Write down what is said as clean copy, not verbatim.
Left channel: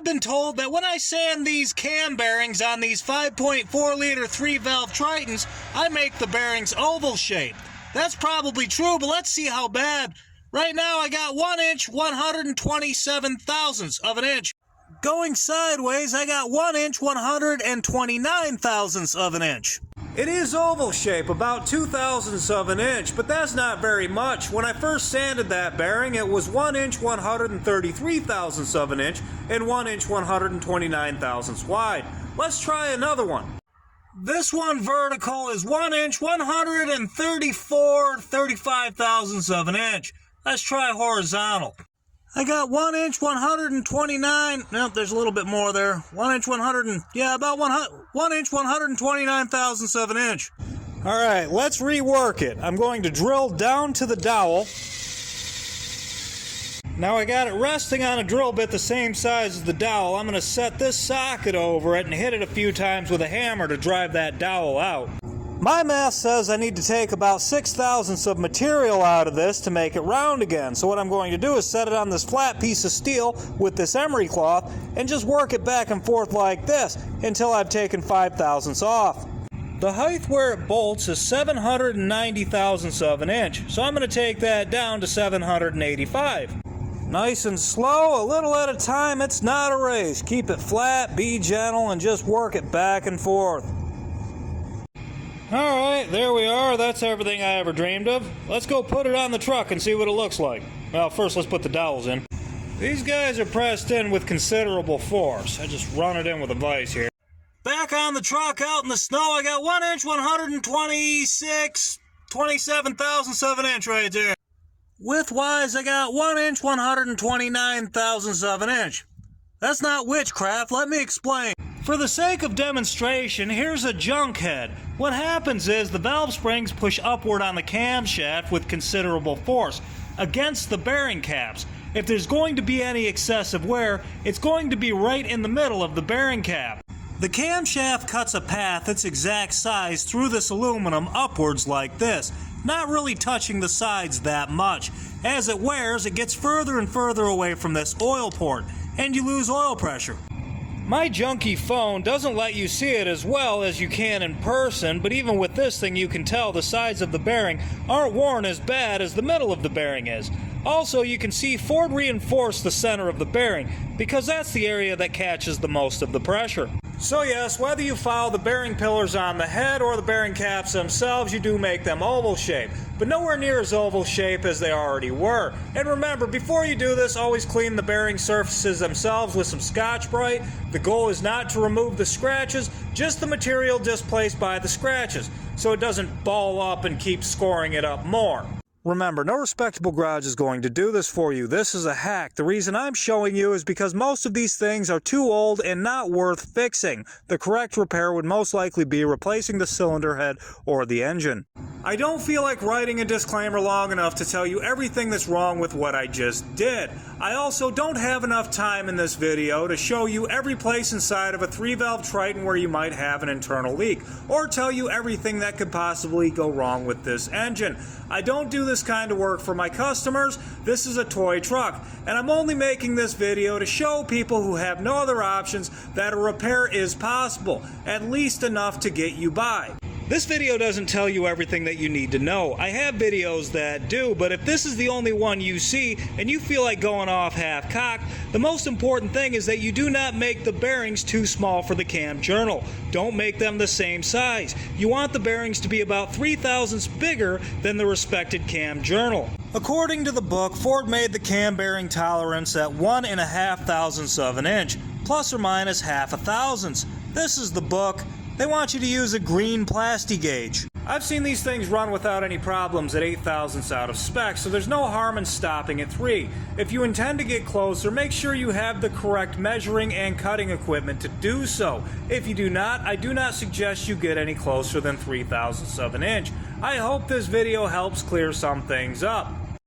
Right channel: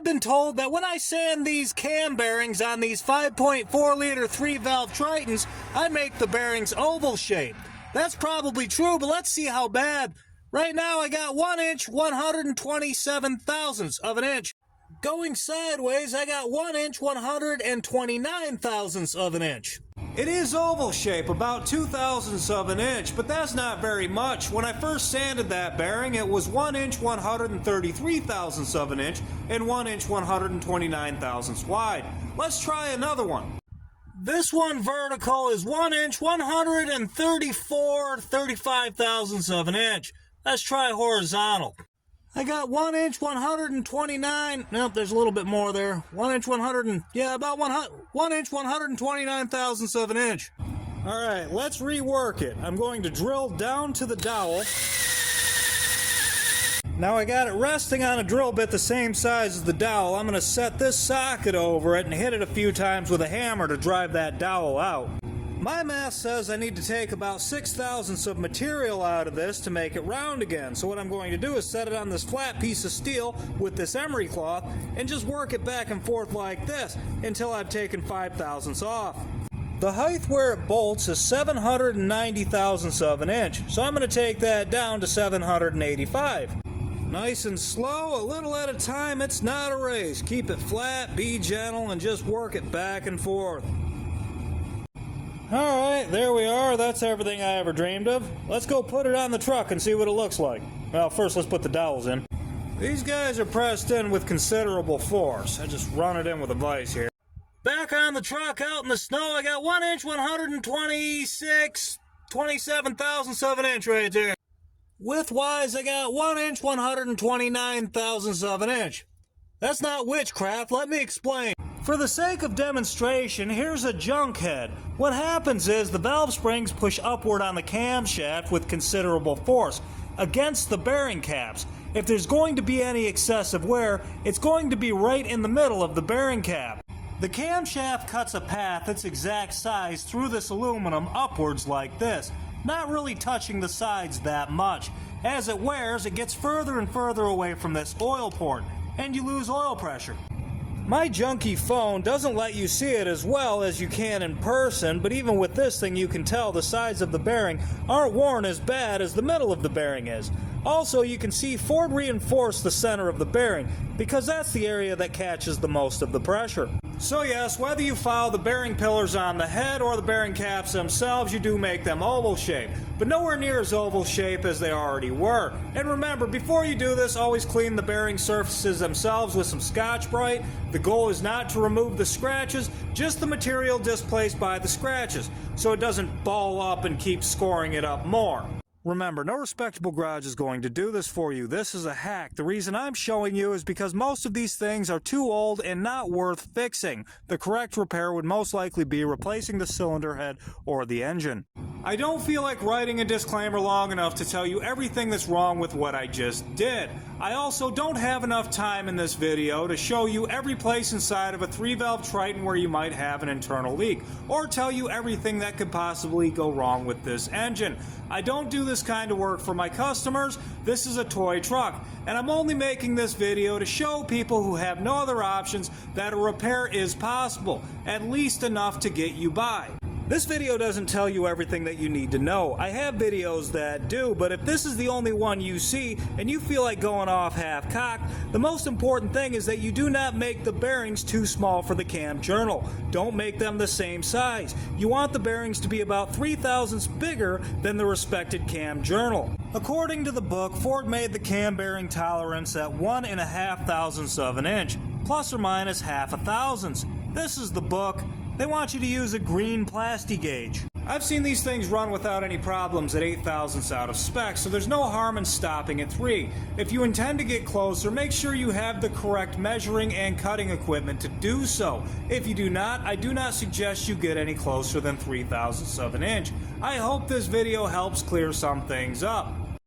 I've been told that when I sand these cam bearings on these 5.4 liter 3-valve Tritons, I make the bearings oval shaped. That's probably true, but let's see how bad. Right now I got 1 inch 127 thousandths of an inch. Going sideways, I got 1 inch 129 thousandths of an inch. It is oval shape, about 2 thousandths of an inch, but that's not very much. When I first sanded that bearing, it was 1 inch 133 thousandths of an inch and 1 inch 129 thousandths wide. Let's try another one. This one vertical is 1 inch 134 thousandths of an inch. Let's try horizontal. I got 1 inch 129. Nope, there's a little bit more there. 1 inch 100 and, yeah, about 1 inch 129 thousandths of an inch. All right, let's rework it. I'm going to drill down to the dowel. Now I got it resting on a drill bit the same size as the dowel. I'm going to set this socket over it and hit it a few times with a hammer to drive that dowel out. My math says I need to take about 6 thousandths of material out of this to make it round again. So what I'm going to do is set it on this flat piece of steel with this emery cloth and just work it back and forth like this until I've taken 5 thousandths off. The height where it bolts is 790 thousandths of an inch, so I'm going to take that down to 785. Nice and slow, a little at a time. It's not a race. Keep it flat, be gentle, and just work it back and forth. Alright, there we are. That's everything I ever dreamed of. Let's go put it on the truck and see what it looks like. Well, first let's put the dowels in. These guys are pressed in with considerable force. I just run it in with a vise here. Back on the truck out in the snow, I got 1 inch 127 thousandths of an inch right there. Width-wise, I got 1 inch 129 thousandths of an inch. That's not witchcraft, let me explain. For the sake of demonstration, here's a junk head. What happens is the valve springs push upward on the camshaft with considerable force against the bearing caps. If there's going to be any excessive wear, it's going to be right in the middle of the bearing cap. The camshaft cuts a path its exact size through this aluminum upwards like this, not really touching the sides that much. As it wears, it gets further and further away from this oil port, and you lose oil pressure. My junky phone doesn't let you see it as well as you can in person, but even with this thing you can tell the sides of the bearing aren't worn as bad as the middle of the bearing is. Also, you can see Ford reinforced the center of the bearing because that's the area that catches the most of the pressure. So yes, whether you follow the bearing pillars on the head or the bearing caps themselves, you do make them oval shaped, but nowhere near as oval shape as they already were. And remember, before you do this, always clean the bearing surfaces themselves with some Scotch-Brite. The goal is not to remove the scratches, just the material displaced by the scratches, so it doesn't ball up and keep scoring it up more. Remember, no respectable garage is going to do this for you. This is a hack. The reason I'm showing you is because most of these things are too old and not worth fixing. The correct repair would most likely be replacing the cylinder head or the engine. I don't feel like writing a disclaimer long enough to tell you everything that's wrong with what I just did. I also don't have enough time in this video to show you every place inside of a 3-valve Triton where you might have an internal leak, or tell you everything that could possibly go wrong with this engine. I don't do this kind of work for my customers. This is a toy truck, and I'm only making this video to show people who have no other options that a repair is possible, at least enough to get you by. This video doesn't tell you everything that you need to know. I have videos that do, but if this is the only one you see and you feel like going off half-cocked, the most important thing is that you do not make the bearings too small for the cam journal. Don't make them the same size. You want the bearings to be about 3 thousandths bigger than the respected cam journal. According to the book, Ford made the cam bearing tolerance at 1.5 thousandths of an inch, plus or minus half a thousandths. This is the book. They want you to use a green plasti gauge. I've seen these things run without any problems at 8 thousandths out of spec, so there's no harm in stopping at 3. If you intend to get closer, make sure you have the correct measuring and cutting equipment to do so. If you do not, I do not suggest you get any closer than 3 thousandths of an inch. I hope this video helps clear some things up.